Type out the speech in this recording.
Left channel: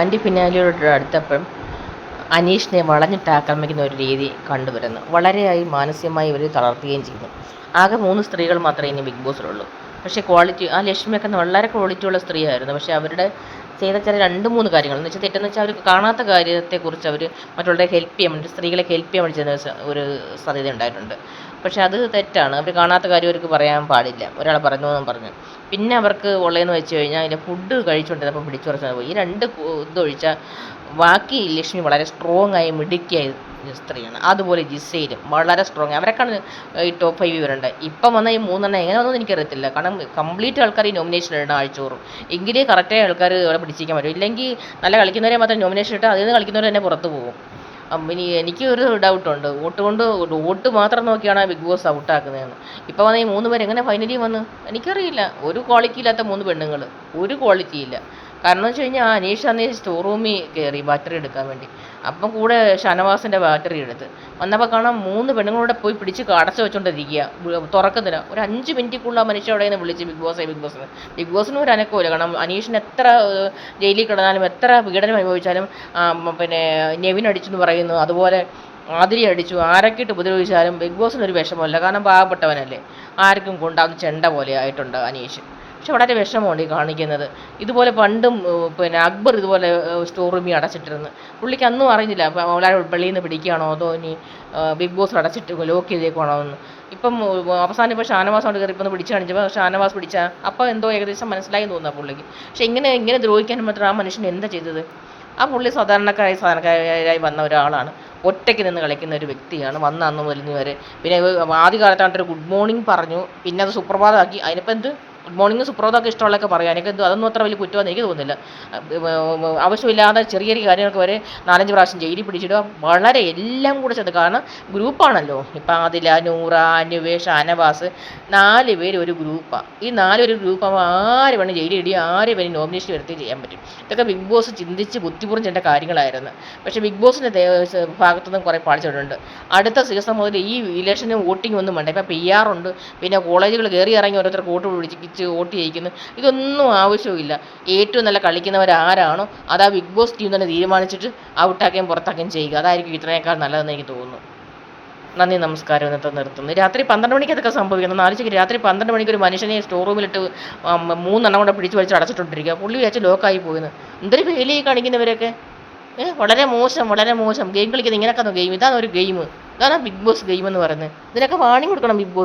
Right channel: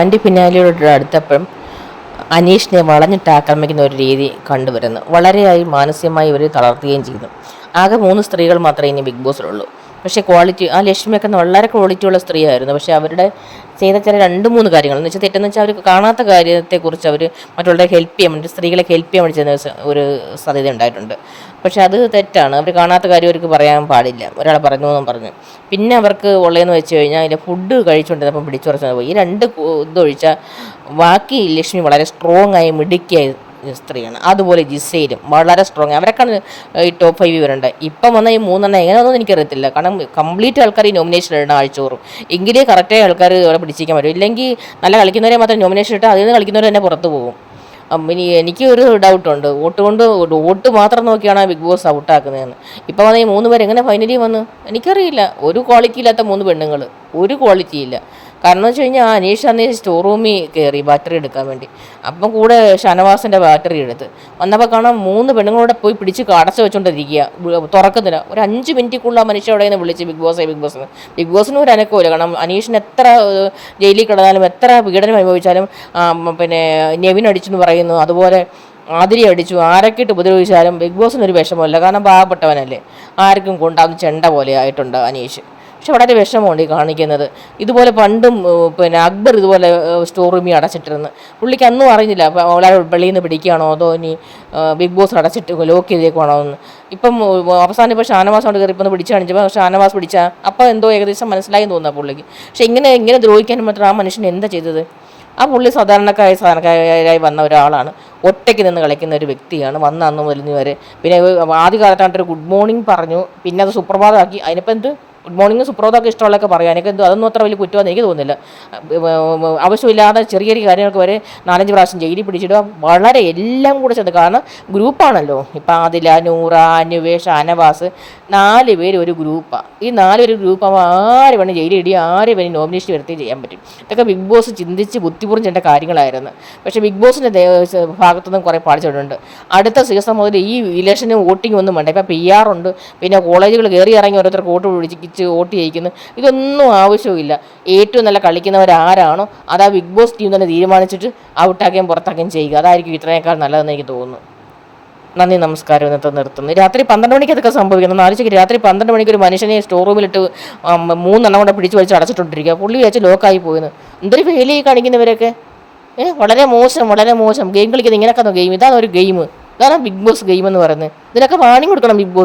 Anti പിന്നാലെയോട് അടുത്തപ്പം അനീഷിനെ വളഞ്ഞിട്ട് ആക്രമിക്കുന്ന ഒരു രീതി കണ്ടുവരുന്നു. വളരെയായി മാനസികമായി ഇവർ തളർത്തുകയും ചെയ്തു. ആകെ 3 സ്ത്രീകൾ മാത്രമേ ഇനി ബിഗ് ബോസിലുള്ളൂ. പക്ഷേ ക്വാളിറ്റി ആ ലക്ഷ്മിയൊക്കെ വളരെ ക്വാളിറ്റിയുള്ള സ്ത്രീയായിരുന്നു. പക്ഷേ അവരുടെ ചെയ്ത ചില 2-3 കാര്യങ്ങൾ എന്ന് വെച്ചാൽ തെറ്റെന്ന് വെച്ചാൽ അവർ കാണാത്ത കാര്യത്തെക്കുറിച്ച് അവർ മറ്റുള്ളവരെ ഹെൽപ്പ് ചെയ്യാൻ വേണ്ടി സ്ത്രീകളെ ഹെൽപ്പ് ചെയ്യാൻ വേണ്ടി ചെയ്യുന്ന ഒരു സാധ്യത ഉണ്ടായിട്ടുണ്ട്. പക്ഷേ അത് തെറ്റാണ്. അവർ കാണാത്ത കാര്യം അവർക്ക് പറയാൻ പാടില്ല. ഒരാൾ പറഞ്ഞു എന്നും പറഞ്ഞു. പിന്നെ അവർക്ക് ഉള്ളതെന്ന് വെച്ച് കഴിഞ്ഞാൽ അതിൻ്റെ ഫുഡ് കഴിച്ചുകൊണ്ടിരുന്നപ്പം പിടിച്ചുറച്ചാൽ പോയി. ഈ 2 ഇതൊഴിച്ചാൽ ബാക്കി ലക്ഷ്മി വളരെ സ്ട്രോങ് ആയി മിടുക്കിയായി സ്ത്രീയാണ്. അതുപോലെ ജിസയിലും വളരെ സ്ട്രോങ്. അവരൊക്കെയാണ് ഈ ടോപ്പ് 5 വരേണ്ടത്. ഇപ്പം വന്ന ഈ 3 എങ്ങനെയാണെന്ന് എനിക്കറിയത്തില്ല. കാരണം കംപ്ലീറ്റ് ആൾക്കാർ ഈ നോമിനേഷൻ ഇടണം ആഴ്ചോറും. എങ്കിലേ കറക്റ്റായി ആൾക്കാർ അവിടെ പിടിച്ചിരിക്കാൻ പറ്റും. ഇല്ലെങ്കിൽ നല്ല കളിക്കുന്നവരെ മാത്രം നോമിനേഷൻ ഇട്ടാൽ അതിൽ നിന്ന് കളിക്കുന്നവർ തന്നെ പുറത്ത് പോകും. ഇനി എനിക്ക് ഒരു ഡൗട്ടുണ്ട്, വോട്ട് മാത്രം നോക്കിയാണ് ബിഗ് ബോസ് ഔട്ടാക്കുന്നതെന്ന്. ഇപ്പോൾ വന്ന ഈ 3 പേര് എങ്ങനെ ഫൈനലിൽ വന്നു എനിക്കറിയില്ല. ഒരു ക്വാളിറ്റി ഇല്ലാത്ത 3 പെണ്ണുങ്ങൾ, ഒരു ക്വാളിറ്റി ഇല്ല. കാരണം എന്ന് വെച്ച് കഴിഞ്ഞാൽ അനീഷ് അന്ന് സ്റ്റോർ റൂമിൽ കയറി ബാറ്ററി എടുക്കാൻ വേണ്ടി. അപ്പം കൂടെ ഷാനവാസിൻ്റെ ബാറ്ററി എടുത്ത് വന്നപ്പോൾ കാണാൻ 3 പെണ്ണുങ്ങളോടെ പോയി പിടിച്ച് അടച്ചു വെച്ചോണ്ടിരിക്കുക, തുറക്കുന്നില്ല. ഒരു 5 മിനിറ്റിക്കുള്ള ആ മനുഷ്യ അവിടെ നിന്ന് വിളിച്ച് ബിഗ് ബോസിന് ഒരു അനക്കമില്ല. കാരണം അനീഷിന് എത്ര ജയിലിൽ കിടന്നാലും എത്ര പീഡനം അനുഭവിച്ചാലും പിന്നെ നെവിൻ അടിച്ചു എന്ന് പറയുന്നു, അതുപോലെ ആതിരി അടിച്ചു, ആരൊക്കെ ഇട്ട് ഉപദ്രവിച്ചാലും ബിഗ് ബോസിനൊരു വിഷമമില്ല. കാരണം പാവപ്പെട്ടവനല്ലേ, ആർക്കും കൊണ്ടാവുന്ന ചെണ്ട പോലെ ആയിട്ടുണ്ട് അനീഷ്. പക്ഷെ വളരെ വിഷമമുണ്ട് ഈ കാണിക്കുന്നത്. ഇതുപോലെ പണ്ടും പിന്നെ അക്ബർ ഇതുപോലെ സ്റ്റോർ റൂമിൽ അടച്ചിട്ടിരുന്നു. പുള്ളിക്ക് അന്നും അറിഞ്ഞില്ല വളരെ വെളിയിൽ നിന്ന് പിടിക്കുകയാണോ അതോ ഇനി ബിഗ് ബോസ് അടച്ചിട്ട് ലോക്ക് ചെയ്തേക്കുവാണോ എന്ന്. ഇപ്പം അവസാനം ഇപ്പോൾ ഷാനവാസ് കൊണ്ട് കയറി ഇപ്പം പിടിച്ച് കാണിച്ചപ്പോൾ ഷാനവാസ് പിടിച്ചാൽ അപ്പോൾ എന്തോ ഏകദേശം മനസ്സിലായി തോന്നുന്നു പുള്ളിക്ക്. പക്ഷെ ഇങ്ങനെ ദ്രോഹിക്കാനും മാത്രം ആ മനുഷ്യൻ എന്താ ചെയ്തത്? ആ പുള്ളി സാധാരണക്കാരായി വന്ന ഒരാളാണ്, ഒറ്റയ്ക്ക് നിന്ന് കളിക്കുന്ന ഒരു വ്യക്തിയാണ്. വന്ന അന്ന് മുതൽ വരെ പിന്നെ ആദ്യകാലത്തായിട്ടൊരു ഗുഡ് മോർണിംഗ് പറഞ്ഞു, പിന്നെ അത് സുപ്രഭാതമാക്കി. അതിനിപ്പോൾ എന്ത് ഗുഡ് മോർണിംഗ് സുപ്രഭാതമൊക്കെ ഇഷ്ടമുള്ളതൊക്കെ പറയാം. എനിക്ക് അതൊന്നും അത്ര വലിയ കുറ്റമെന്ന് എനിക്ക് തോന്നുന്നില്ല. ആവശ്യമില്ലാതെ ചെറിയ കാര്യങ്ങൾക്ക് വരെ 4-5 പ്രാവശ്യം ജയിലിൽ പിടിച്ചിടുക വളരെ എല്ലാം കൂടെ ചെന്ന്. കാരണം ഗ്രൂപ്പാണല്ലോ. ഇപ്പം ആദില, നൂറ, അന്വേഷ്, ഷാനവാസ് 4 പേര് ഒരു ഗ്രൂപ്പാണ്. ഈ 4 ഒരു ഗ്രൂപ്പാകുമ്പോൾ ആര് വേണം ജയിലിൽ ഇടുകയും ആര് വേണം നോമിനേഷൻ വരുത്തുകയും ചെയ്യാൻ പറ്റും. ഇതൊക്കെ ബിഗ് ബോസ് ചിന്തിച്ച് ബുദ്ധിപൂർവ്വം ചെയ്യേണ്ട കാര്യങ്ങളായിരുന്നു. പക്ഷേ ബിഗ് ബോസിൻ്റെ ഭാഗത്തുനിന്നും കുറേ പാടിച്ചിട്ടുണ്ട്. അടുത്ത സീസൺ മുതൽ ഈ ഇലക്ഷന് വോട്ടിംഗ് ഒന്നും വേണ്ട. ഇപ്പം PR ഉണ്ട്, പിന്നെ കോളേജുകൾ കയറി ഇറങ്ങി ഓരോരുത്തർക്ക് വോട്ട് പിടിച്ച് വോട്ട് ചെയ്യിക്കുന്നു. ഇതൊന്നും ആവശ്യമില്ല. ഏറ്റവും നല്ല കളിക്കുന്നവരാരാണോ അത് ആ ബിഗ് ബോസ് ടീം തന്നെ തീരുമാനിച്ചിട്ട് ഔട്ടാക്കുകയും പുറത്താക്കുകയും ചെയ്യുക. അതായിരിക്കും ഇത്രയേക്കാൾ നല്ലതെന്ന് എനിക്ക് തോന്നുന്നു. നന്ദി, നമസ്കാരം. ഇന്നത്തെ നിർത്തുന്നു. രാത്രി 12 മണിക്ക് അതൊക്കെ സംഭവിക്കുന്നു. ആലോചിക്ക്, രാത്രി 12 മണിക്ക് ഒരു മനുഷ്യനെ സ്റ്റോർ റൂമിലിട്ട് 3 കൂടെ പിടിച്ച് വലിച്ച് അടച്ചിട്ടിരിക്കുക. പുള്ളി വെച്ച് ലോക്കായി പോയെന്ന്. എന്തൊരു ഫെയിലായി കാണിക്കുന്നവരൊക്കെ. വളരെ മോശം. ഗെയിം കളിക്കുന്നത് ഇങ്ങനെയൊക്കെ ഗെയിം. ഇതാണ് ഒരു ഗെയിം. ഇതാണ് ബിഗ് ബോസ് ഗെയിം എന്ന് പറയുന്നത്. ഇതിനൊക്കെ വാണിംഗ് കൊടുക്കണം ബിഗ് ബോസ്.